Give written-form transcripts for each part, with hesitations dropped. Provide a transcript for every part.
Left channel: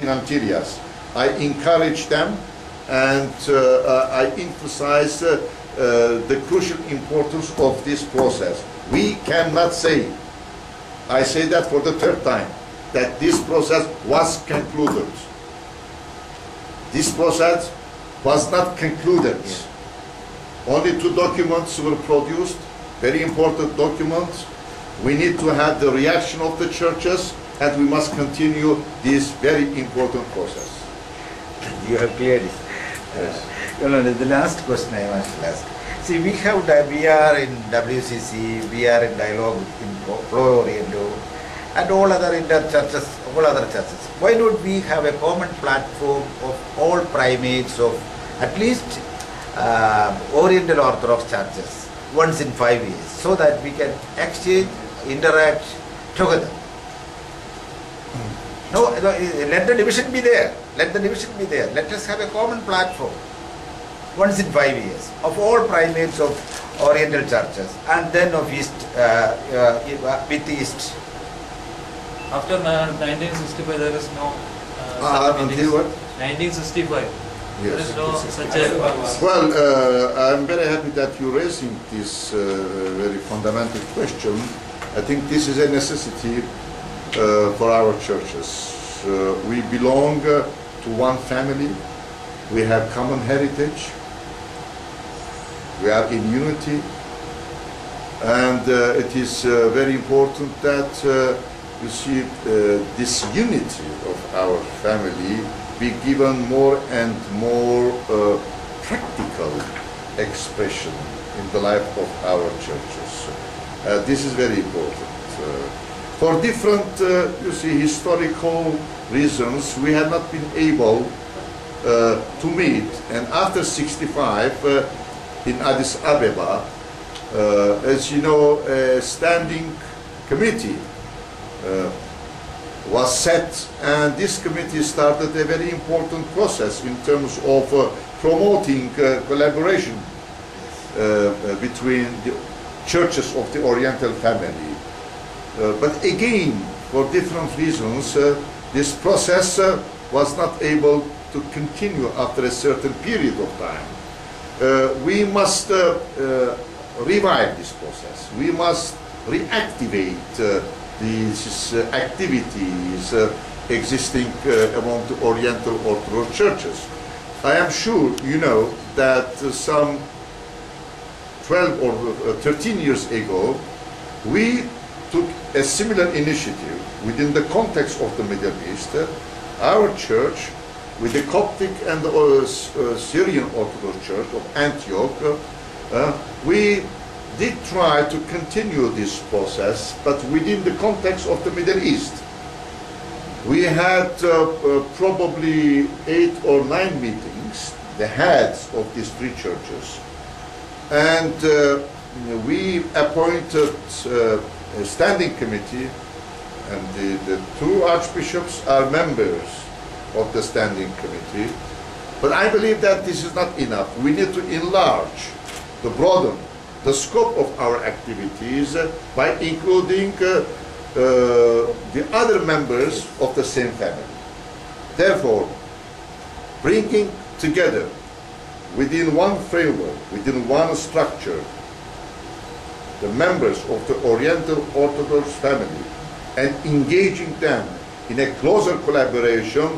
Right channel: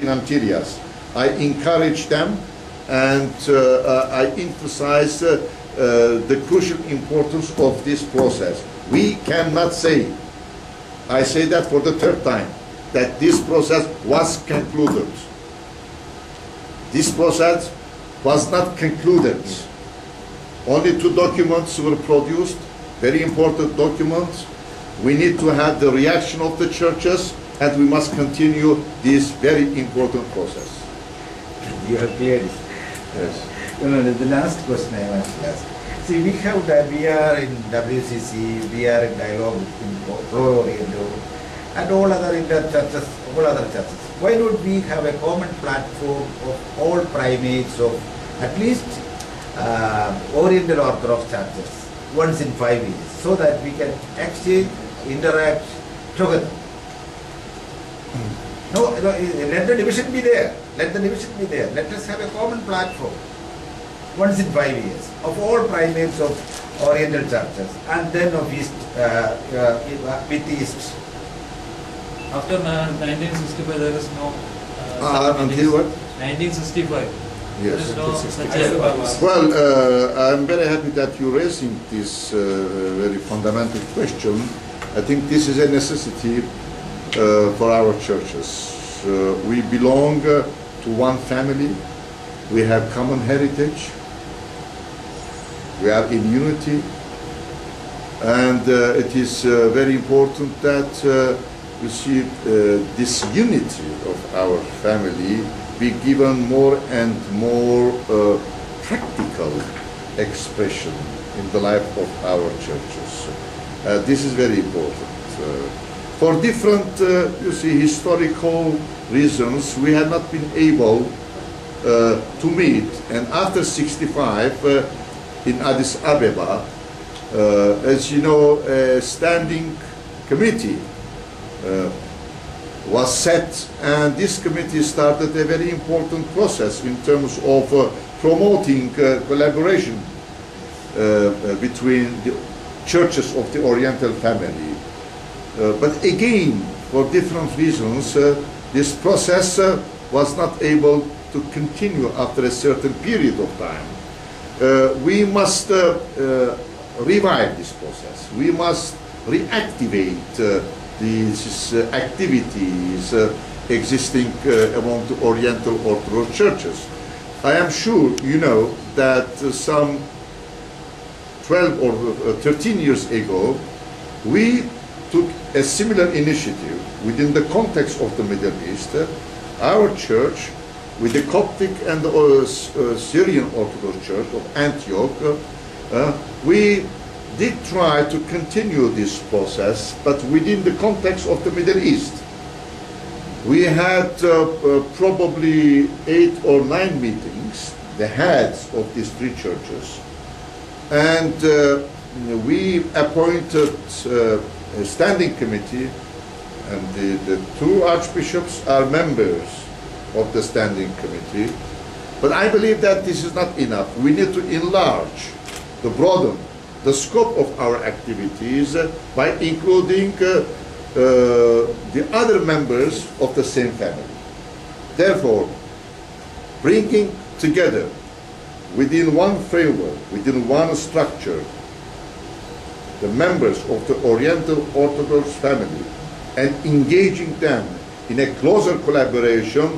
areas. I encourage them and I emphasize the crucial importance of this process. We cannot say, I say that for the third time, that this process was concluded. This process was not concluded. Only 2 documents were produced, very important documents. We need to have the reaction of the churches, and we must continue this very important process. You have cleared it. Yes. The last question I must ask. See, we are in WCC, we are in dialogue in Pro-Oriental, and all other inter-churches, all other churches. Why don't we have a common platform of all primates of at least Oriental Orthodox churches once in 5 years, so that we can exchange, interact together? No, let the division be there. Let the division be there. Let us have a common platform once in 5 years of all primates of Oriental churches, and then of East, with East. After 1965, there is no. Until what? 1965. Yes. There is no such a. Well, I'm very happy that you're raising this very fundamental question. I think this is a necessity for our churches. We belong to one family. We have common heritage. We are in unity. And it is very important that you see this unity of our family be given more and more practical expression in the life of our churches. This is very important. For different, you see, historical reasons, we have not been able to meet. And after 65, in Addis Ababa, as you know, a standing committee was set, and this committee started a very important process in terms of promoting collaboration between the churches of the Oriental family. But again, for different reasons, this process was not able to continue after a certain period of time. We must revive this process. We must reactivate these activities existing among the Oriental Orthodox churches. I am sure you know that some 12 or 13 years ago, we took a similar initiative within the context of the Middle East. Our church, with the Coptic and the Syrian Orthodox Church of Antioch, we did try to continue this process, but within the context of the Middle East. We had probably 8 or 9 meetings, the heads of these 3 churches, and we appointed a standing committee, and the 2 archbishops are members of the standing committee. But I believe that this is not enough. We need to enlarge, to broaden the scope of our activities by including the other members of the same family. Therefore, bringing together within one framework, within one structure, the members of the Oriental Orthodox family and engaging them in a closer collaboration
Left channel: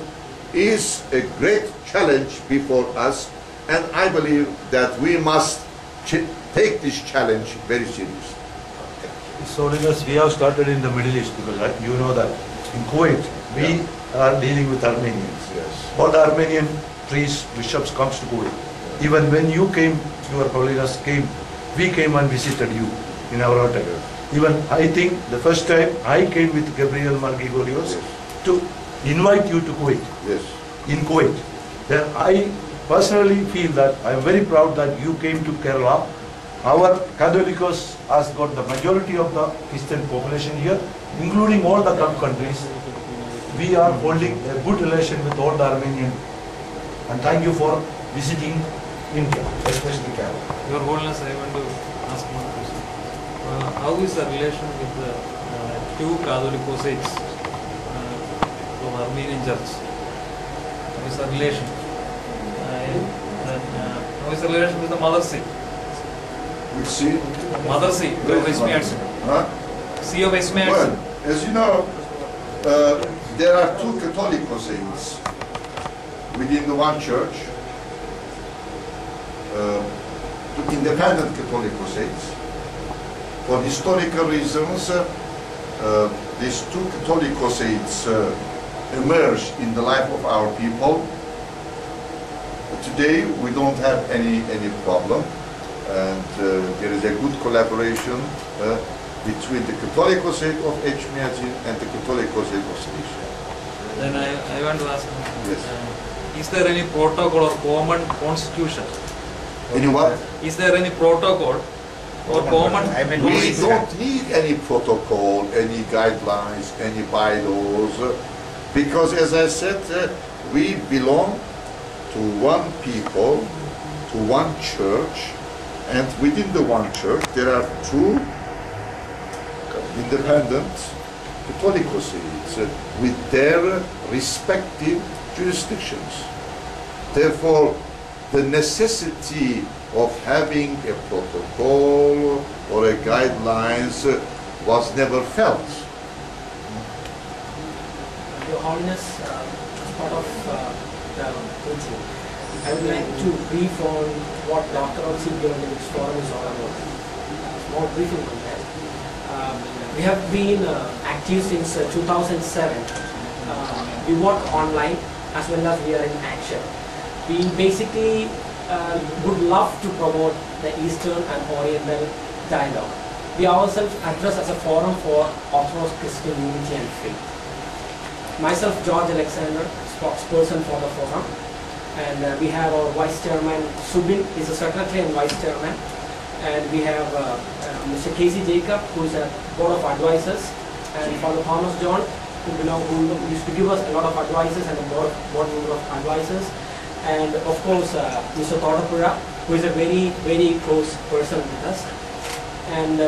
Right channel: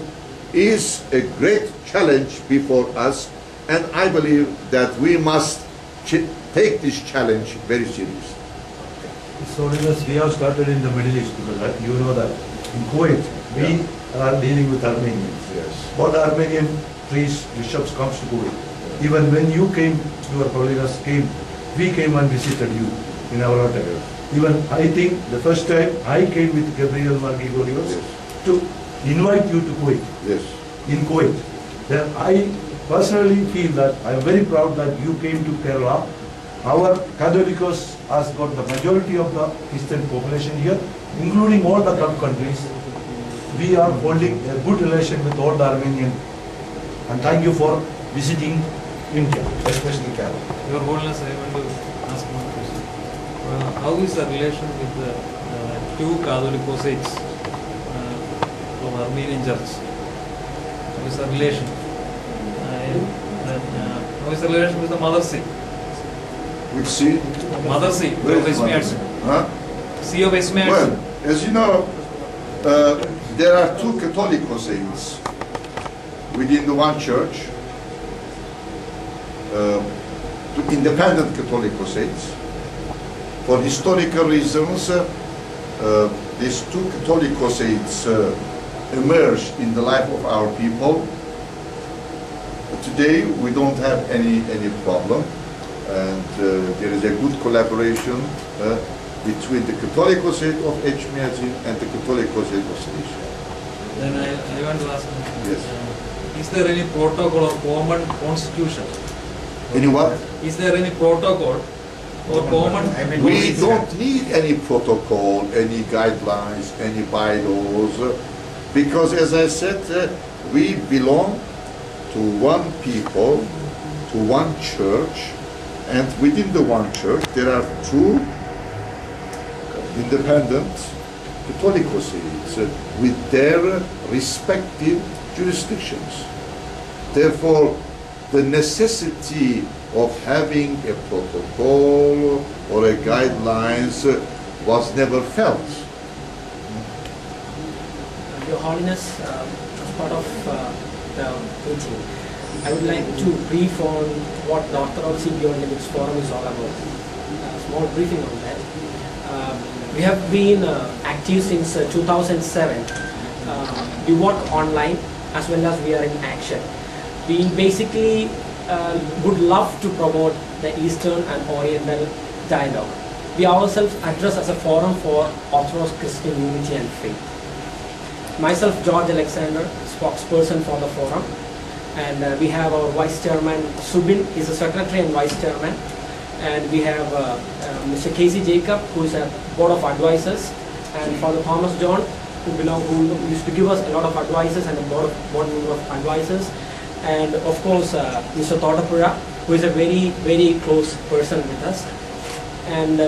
is a great challenge before us, and I believe that we must take this challenge very seriously. So we have started in the Middle East, because you know that in Kuwait we are dealing with Armenians. Yes. All the Armenian priests, bishops comes to Kuwait. Even when you came, your Holiness came, we came and visited you in our hotel. Even I think the first time I came with Gabriel Margigorios to invite you to Kuwait. Yes. In Kuwait. Then I personally feel that I am very proud that you came to Kerala. Our Catholicos has got the majority of the Christian population here, including all the Gulf countries. We are holding a good relation with all the Armenian. And thank you for visiting India, especially Kerala. Your Holiness, I want to ask one question. How is the relation with the 2 Catholicos from Armenian Church? How is the relation? How is the relation with the Mother See? Which see? Mother See, Where of is Westminster. Huh? See of Westminster. Well, as you know, there are two Catholic saints within the one church, two independent Catholic saints. For historical reasons, these two Catholic saints emerged in the life of our people. Today, we don't have any problem, and there is a good collaboration between the Catholic saint of Echmiadzin and the Catholic saint of Cilicia. Then I want to ask, Yes. Is there any protocol or common constitution? Any what? Is there any protocol or common? I mean, We don't need any protocol, any guidelines, any bylaws, because as I said, we belong to one people, to one church, and within the one church there are two independent Catholic saints with their respective jurisdictions. Therefore, the necessity of having a protocol or a guidelines was never felt. Your Holiness, as part of the meeting, I would like to brief on what the Orthodoxy Beyond Limits Forum is all about. Small briefing on that. We have been active since 2007. We work online as well as we are in action. We basically would love to promote the Eastern and Oriental dialogue. We ourselves address as a forum for Orthodox Christian unity and faith. Myself, George Alexander, spokesperson for the forum, and we have our vice chairman Subin is the secretary and vice chairman, and we have Mr. Casey Jacob, who is a board of advisors, and Father Thomas John, who used to give us a lot of advices, and a board member of advisors, and of course Mr. Todapura, who is a very close person with us, and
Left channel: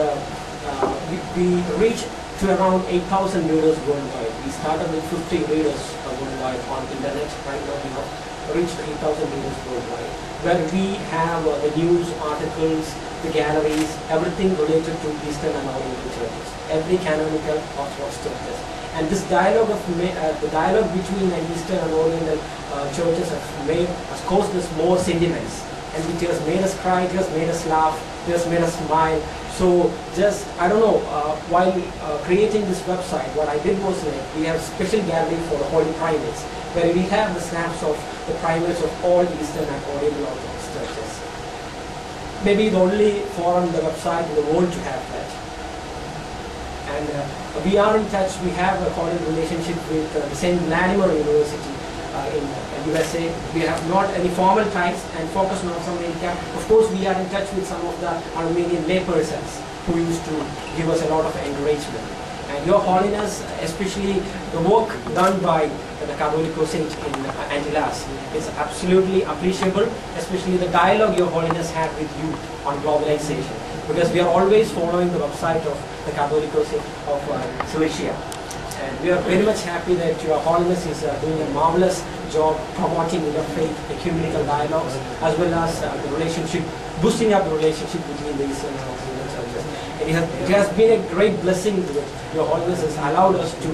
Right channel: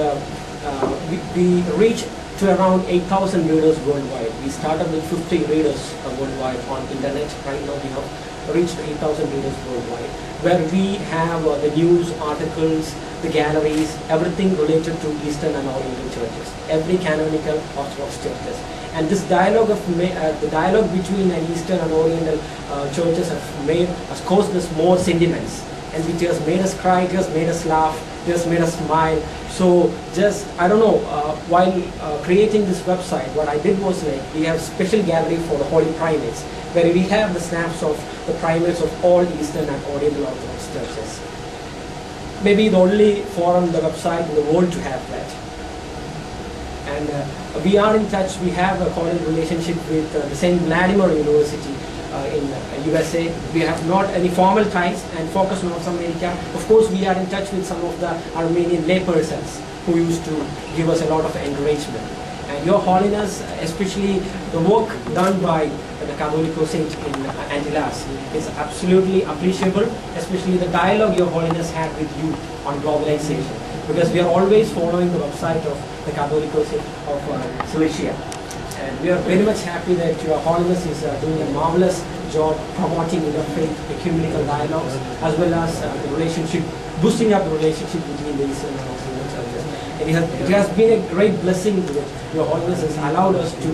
we reach to around 8,000 readers worldwide. We started with 50 readers worldwide on internet. Right now we have reached 8,000 readers worldwide, where we have the news, articles, the galleries, everything related to Eastern and Oriental churches, every canonical Orthodox churches. And this dialogue of the dialogue between Eastern and Oriental churches has caused us more sentiments, and it has made us cry, it has made us laugh, it has made us smile. So just, I don't know, while creating this website, what I did was like, we have special gallery for the Holy Primates, where we have the snaps of the primates of all Eastern and Oriental Orthodox churches. Maybe the only forum, the website in the world to have that. And we are in touch, we have a cordial relationship with the St. Vladimir University in USA. We have not any formal ties and focus on North America. Of course, we are in touch with some of the Armenian laypersons who used to give us a lot of encouragement. And Your Holiness, especially the work done by the Catholicos in Antillas, is absolutely appreciable, especially the dialogue Your Holiness had with you on globalization, because we are always following the website of the Catholicos of Cilicia. And we are very much happy that Your Holiness is doing a marvelous job promoting interfaith ecumenical dialogues, as well as the relationship, boosting up the relationship between the Eastern and Oriental churches. And it has been a great blessing that Your Holiness has allowed us to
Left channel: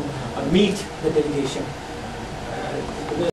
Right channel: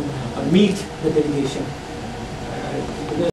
meet the delegation